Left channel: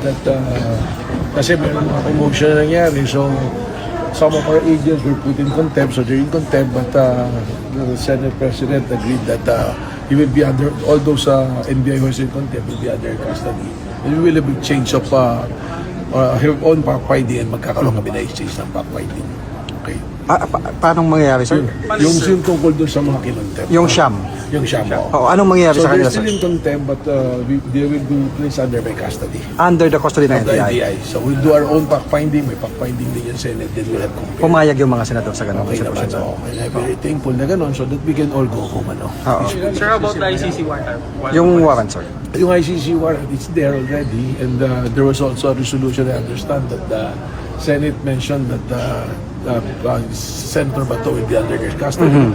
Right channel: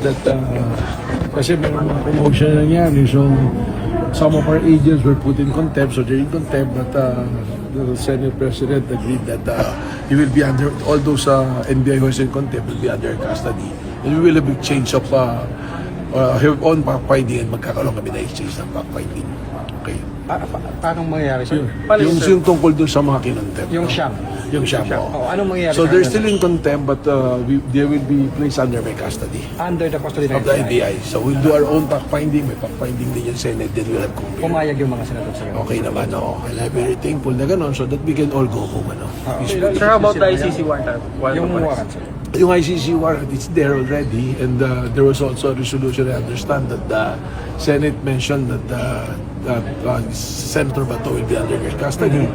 That kasi may mga commotion na nangyari, so some of our agents were put in contempt, so they're in contempt, but the Senate President agreed that he will be under, all those NBI who is in contempt will be under custody, and we will have a change of have own fact-finding, and magkakaroon kami na exchange ng fact-finding. Okay. Paano mangyayari, sir? Yung tungkol doon sa mga kinontempt. Yung Siam. Yung Siam, Anong mangyayari so sa they're kanila, still sir? in contempt, but they will be placed under my custody. Under the custody ng Of the NBI. NBI. So we'll do our own fact-finding. May fact-finding din yung Senate. Then we'll have compare. Pumayag yung mga senador sa ganun. Okay naman, no? And I'm very thankful na gano'n so that we can all go home, ano? Peacefully. Sir, how about the ICC warrant? Yung warrant, sir. Yung ICC warrant, it's there already. And there was also a resolution. I understand that the Senate mentioned that Senator Bato will be under their custody.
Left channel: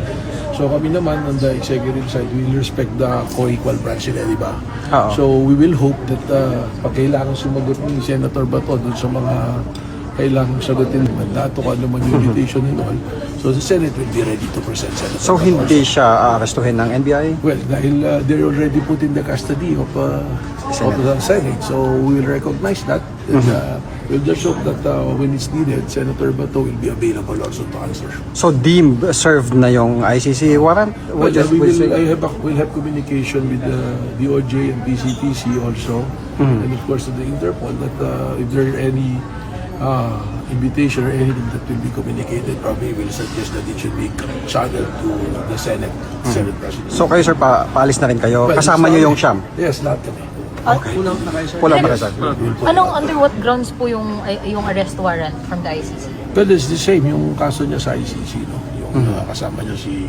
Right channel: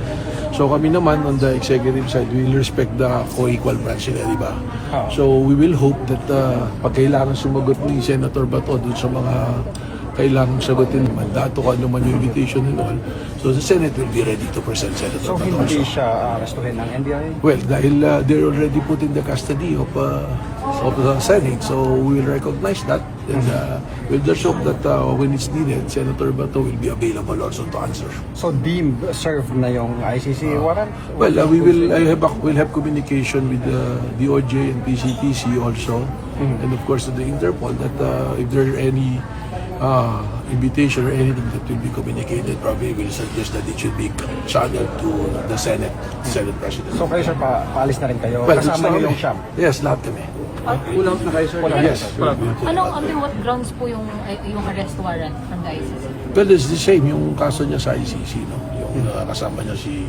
So kami naman on the executive side, we will respect the co-equal branch nila, di ba? So we will hope that pag kailangan sumagot ni Senator Bato dun sa mga kailangan sagutin mandato, kung ano man yung invitation and all, so the Senate will be ready to present Senator So Bato. hindi siya arestuhin ng NBI? Well, dahil they're already put in the custody of the Senate, so we will recognize that. And we'll just hope that when it's needed, Senator Bato will be available also to answer. So deemed served na yung ICC warrant? Well, we'll have communication with the DOJ and PCTC also, and of course to the Interpol that if there are any invitation or anything that will be communicated, probably will suggest that it should be channeled to the Senate President. So kayo, sir, paalis na rin kayo? Well, Kasama niyo yung Siam? Yes, lahat kami. Wala ba, sir? Under what grounds po yung arrest warrant from the ICC? Well, it's the same. Yung kaso niya sa ICC, no? Yung kasama niya si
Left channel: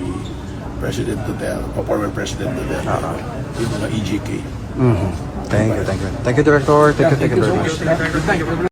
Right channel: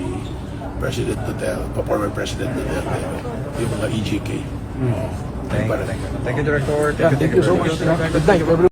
President Duterte, former President Duterte, no? Yung EJK. Thank you, Director. Thank you so much. Good night.